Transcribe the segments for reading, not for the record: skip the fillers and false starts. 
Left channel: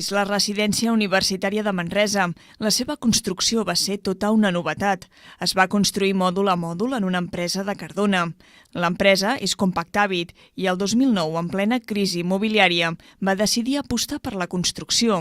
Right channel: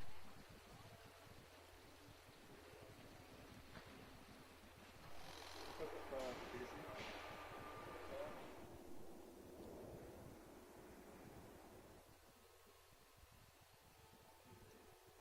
És la residència universitària de Manresa. La seva construcció va ser tota una novetat. Es va construir mòdul a mòdul en una empresa de Cardona. L'empresa és Compactavit i el 2009, en plena crisi immobiliària, va decidir apostar per la construcció.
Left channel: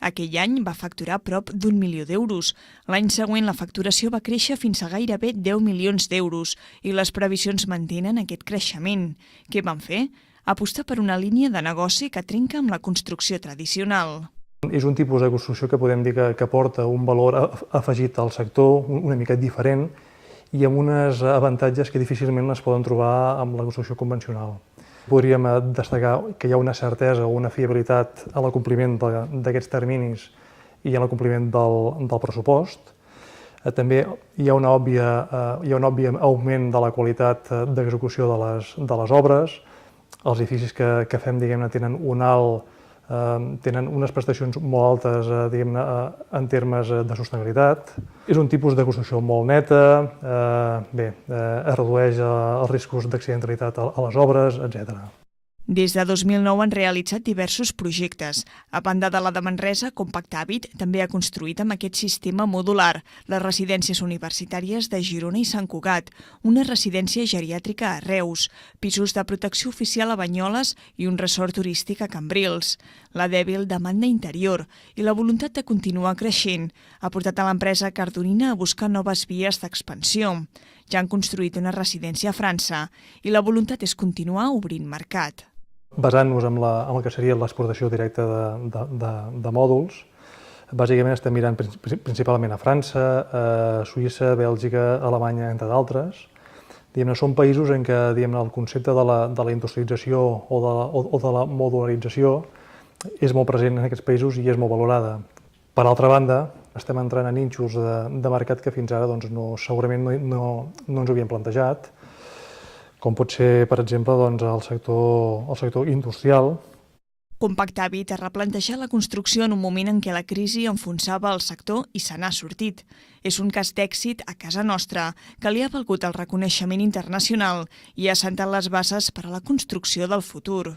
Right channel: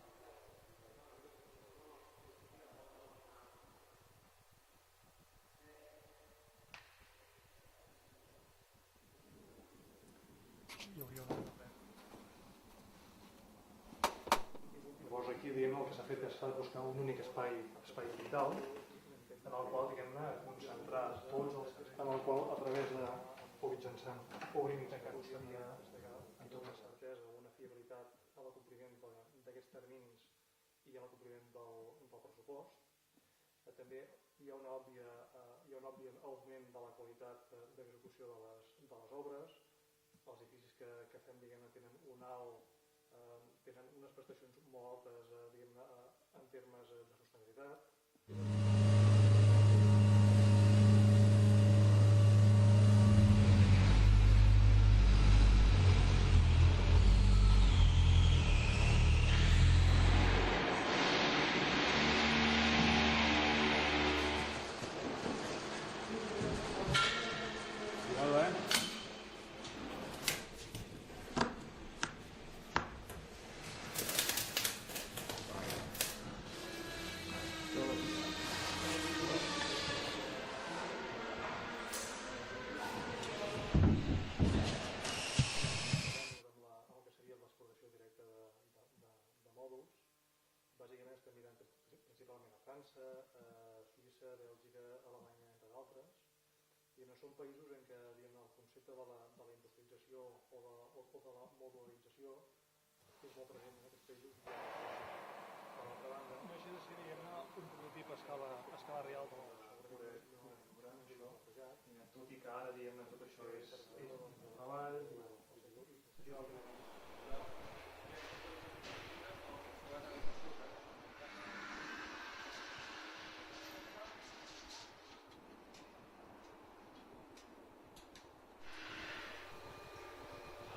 Aquell any va facturar prop d'1 milió d'euros. L'any següent la facturació va créixer fins a gairebé 10 milions d'euros i les previsions mantenen aquest creixement. Què van fer? Apostar per una línia de negoci que trenca amb la construcció tradicional. És un tipus de construcció que podem dir que porta un valor afegit al sector, una mica diferent, i amb uns avantatges que difícilment es poden trobar amb la construcció convencional. Podríem destacar que hi ha una certesa o una fiabilitat a l'acompliment d'aquests terminis i a l'acompliment del pressupost. També hi ha un òbvi augment de la qualitat d'execució de les obres. Els edificis que fem, diguem-ne, tenen unes prestacions molt altes, diguem-ne, en termes de sostenibilitat. És un tipus de construcció molt neta, es redueix els riscos d'accidentalitat a les obres, etc. Des de 2009 han realitzat diversos projectes. A banda de la de Manresa, Compactavit també ha construït amb aquest sistema modular les residències universitàries de Girona i Sant Cugat, una residència geriàtrica a Reus, pisos de protecció oficial a Banyoles i un resort turístic a Cambrils. La dèbil demanda interior i la voluntat de continuar creixent ha portat a l'empresa cardonina a buscar noves vies d'expansió. Ja han construït una residència a França i la voluntat és continuar obrint mercat. Basant-nos en el que seria l'exportació directa de mòduls, bàsicament estem mirant principalment a França, a Suïssa, Bèlgica, Alemanya, entre d'altres. Són països en què el concepte de la industrialització o de la modularització és molt present en aquests països i és molt valorada. Per altra banda, estem entrant en nínxols de mercat que fins ara segurament no ens havíem plantejat, com pot ser, per exemple, el sector industrial. Compactavit ha replantejat la construcció en un moment en què la crisi enfonsava el sector i se n'ha sortit. És un cas d'èxit a casa nostra, que li ha valgut el reconeixement internacional i ha assentat les bases per a la construcció del futur.